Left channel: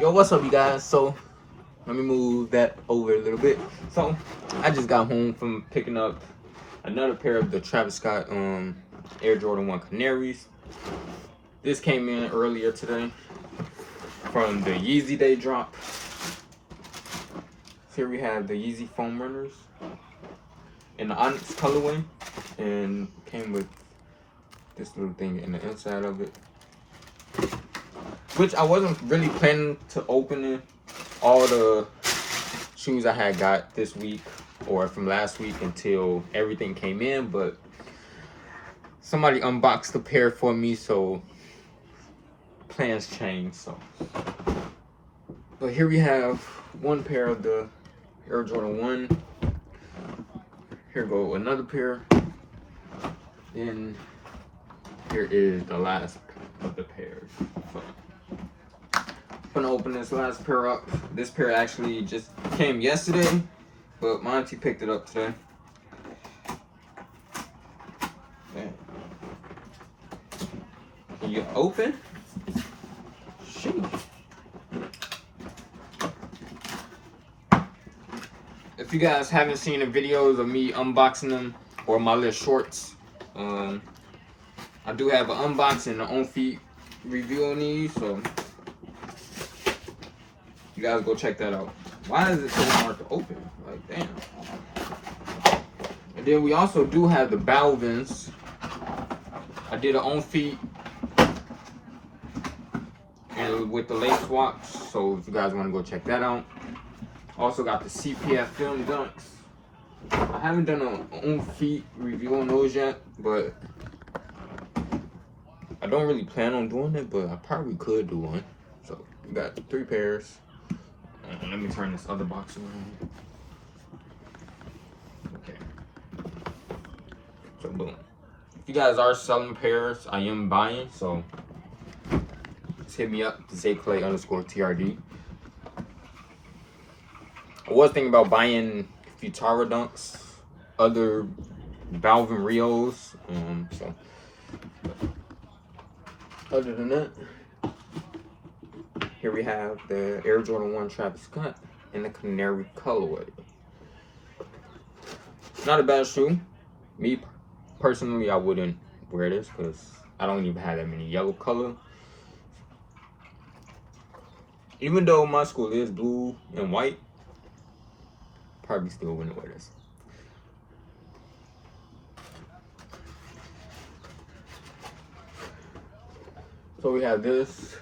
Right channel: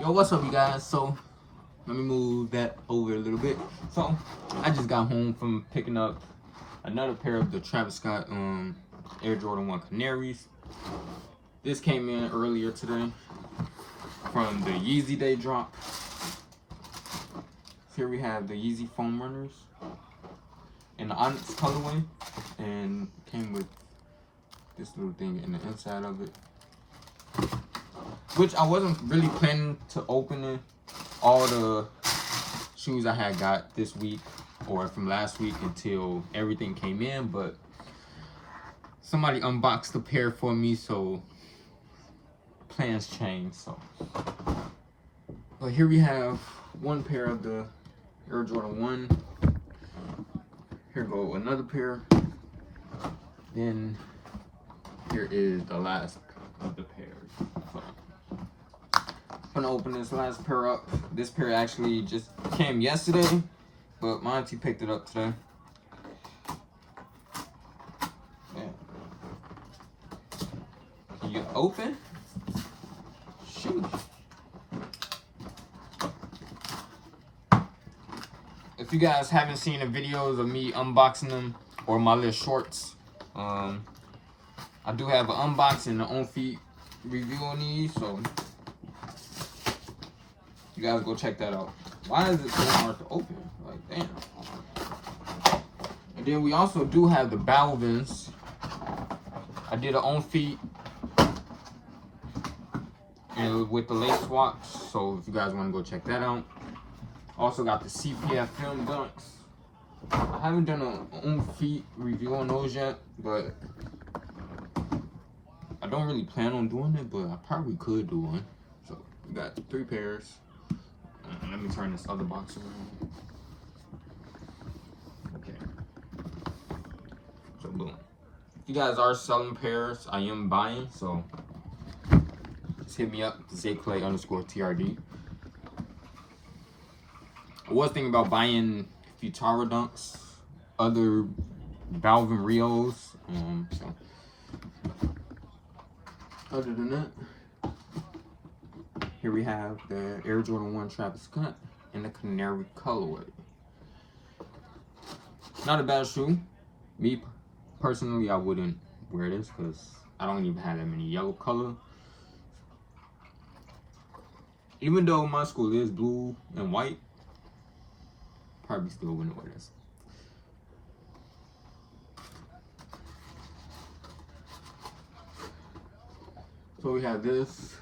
Yo, what's up, you guys? So, let me move that over a little bit. So, I just got home from picking up another pair of the Travis Scott Air Jordan 1 Canaries. This came in earlier today from the Yeezy Day drop. Here we have the Yeezy Foam Runners in the Onyx colorway, and came with this little thing in the inside of it, which I wasn't really planning to open it. All the shoes I had got this week or from last week until everything came in, but somebody unboxed the pair for me, so plans changed. But here we have one pair of the Air Jordan 1. Here go another pair. Then here is the last of the pairs. So, I'm gonna open this last pair up. This pair actually just came yesterday, but my auntie picked it up today. Man. Can you open? Shoot. If you guys haven't seen the videos of me unboxing them or my little shorts, I do have an unboxing and an on feet review on these, so you guys go check that out. Why is it so hard to open? Like, damn. And then we also do have the Balvins. I did an on feet and with the lace swaps, so if you guys want to go check that out. Also got the CPF Film Dunks. I haven't done an on feet review on those yet, but I don't really plan on doing it, but I probably could do one. So we got 3 pairs. Let me turn this other box around. Okay. So boom. If you guys are selling pairs, I am buying. So just hit me up, ZayClay_TRD. I was thinking about buying Futara Dunks, other Balvin Rios. So other than that, here we have the Air Jordan 1 Travis Scott in the Canary colorway. Not a bad shoe. Me personally, I wouldn't wear this because I don't even have that many yellow color. Even though my school is blue and white, probably still wouldn't wear this. So we have this.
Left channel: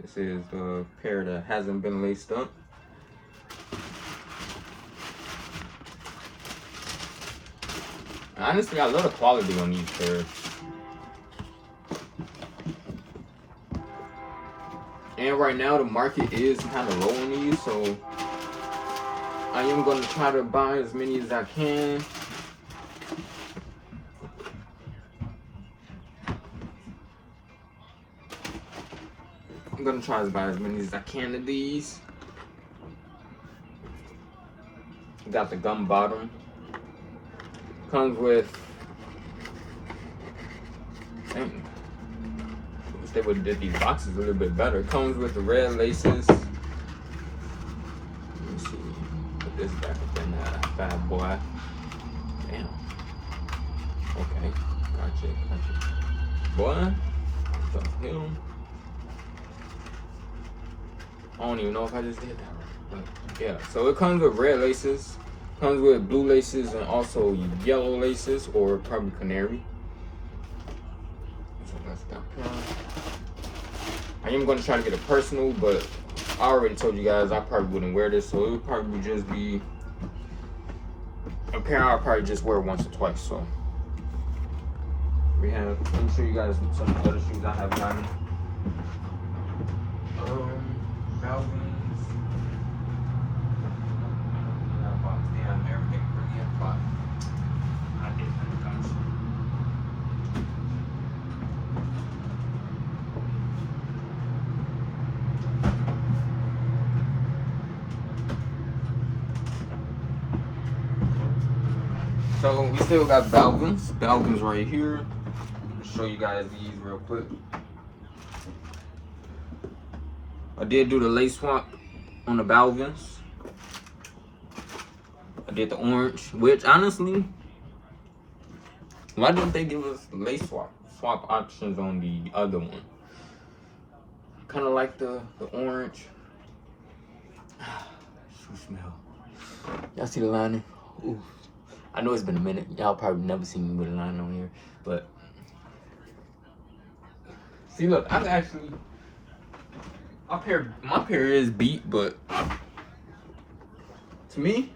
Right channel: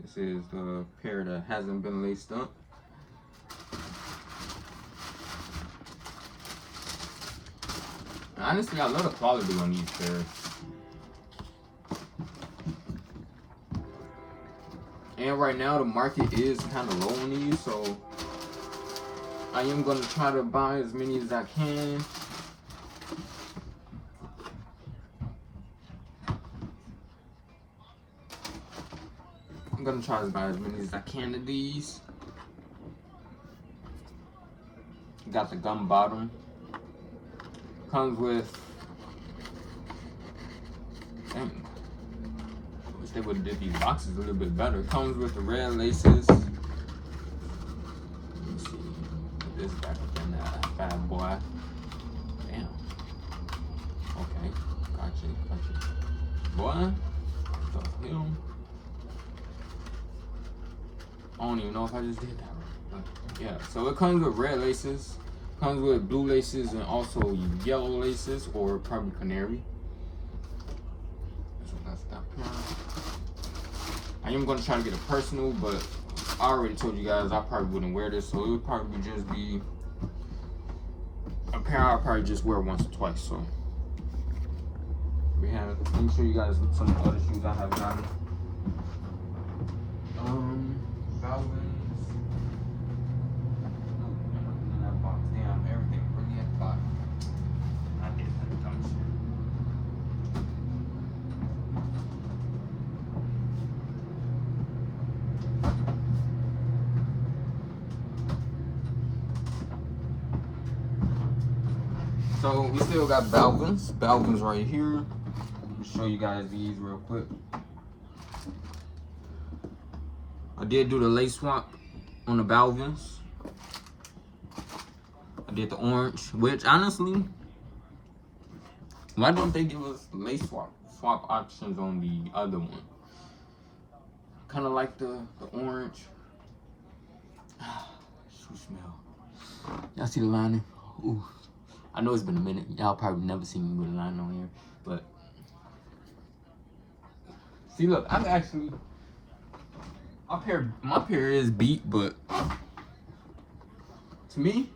This is the pair that hasn't been laced up. Honestly, I love the quality on these pairs. And right now the market is kind of low on these, so I am going to try to buy as many as I can. I'm going to try to buy as many as I can of these. Got the gum bottom. Comes with, dang, I wish they would have did these boxes a little bit better. Comes with the red laces. Let me see. Put this back up in that bad boy. Damn. Okay. Gotcha. Boy. What the hell? I don't even know if I just did that right. But yeah. So it comes with red laces. Comes with blue laces and also yellow laces, or probably canary. So that's that pair. I am going to try to get a personal, but I already told you guys I probably wouldn't wear this, so it would probably just be a pair I'll probably just wear once or twice. So we have. Let me show you guys some other shoes I have gotten. Balvin. So we still got Balvins. Balvins right here. I'll show you guys these real quick. I did do the lace swap on the Balvins. I did the orange, which honestly, why don't they give us lace swap options on the other one? Kind of like the orange. Shoe smell. Y'all see the liner? Ooh. I know it's been a minute. Y'all probably never seen me with a liner on here, but see, look, I'm actually my pair is beat, but to me,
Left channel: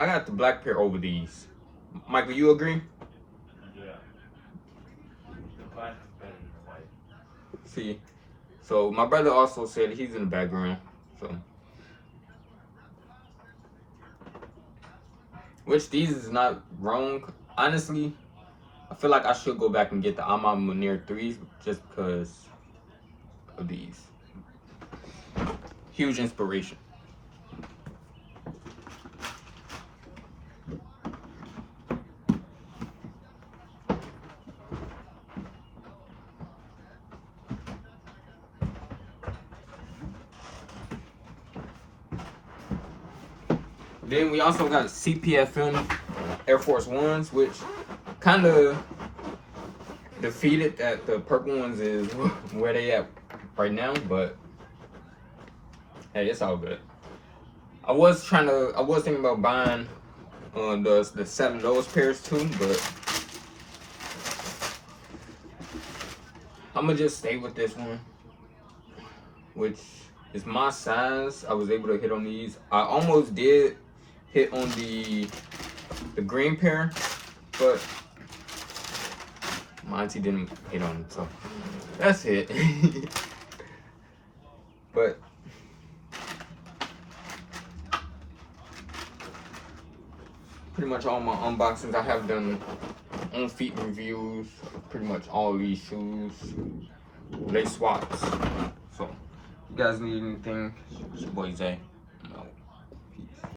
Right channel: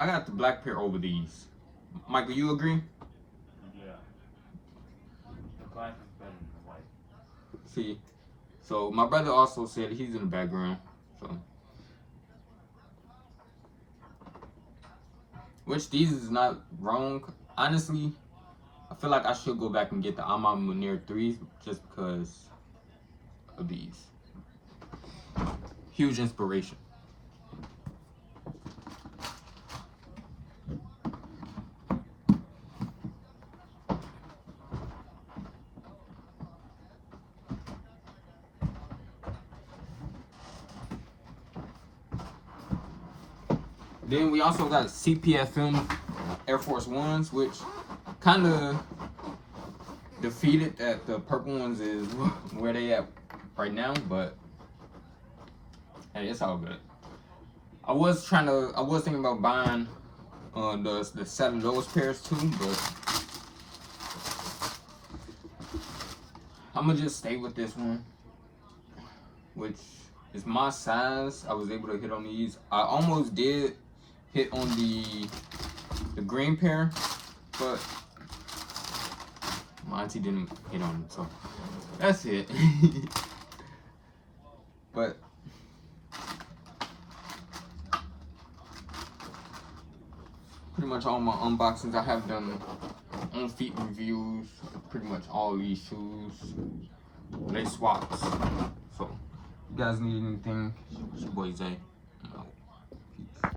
I got the black pair over these. Michael, you agree? Yeah. The black is better than the white. See, so my brother also said he's in the background, so. Which these is not wrong. Honestly, I feel like I should go back and get the Ama Munir 3s just because of these. Huge inspiration. Then we also got CPFM Air Force Ones, which kind of defeated that the purple ones is where they at right now, but hey, it's all good. I was thinking about buying the 7 of those pairs too, but I'm gonna just stay with this one, which is my size. I was able to hit on these. I almost did hit on the green pair, but my auntie didn't hit on it, so that's it. But pretty much all my unboxings I have done on feet reviews, pretty much all these shoes, lace swaps. So if you guys need anything, it's your boy Zay.